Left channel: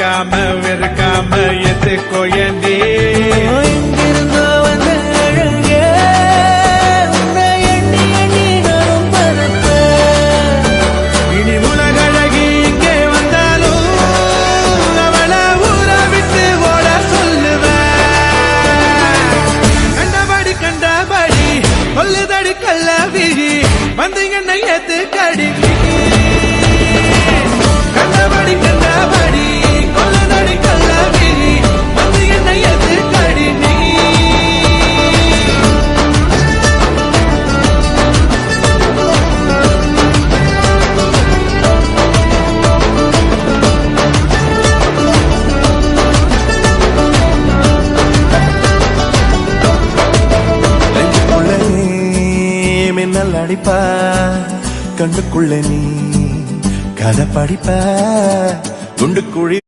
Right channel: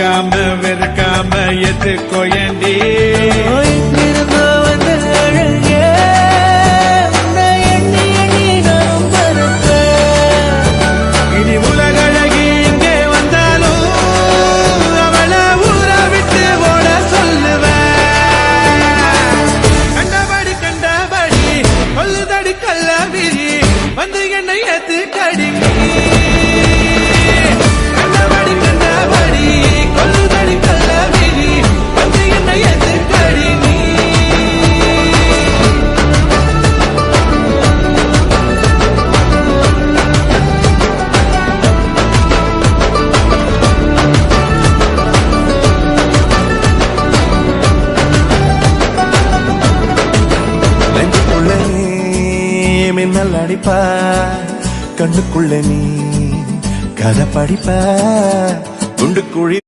மறக்காம வெறுக்காம எதுக்கோ ஏண்டி எங்கிருந்தோ வந்த அழகே உன்னை எண்ணி எண்ணி நானும் பரப்பேன். இனி உலகழகி இங்கே வந்தாலும் அவளை ஊற விட்டு ஓட சொல்லுவேன். கண்டபடி கண்டபடி கொல்லுதடி கல்லாவிழி வந்து என்னை ஏத்து கடிக்கி. கண்டபடி கண்டபடி கொல்லுதடி கல்லாவிழி வந்து என்னை ஏத்து கடிக்கி. நெஞ்சுக்குள்ள நீ மின்னல் அடிப்ப கண்ணுக்குள்ள நீ கதை படிப்ப குண்டு குழி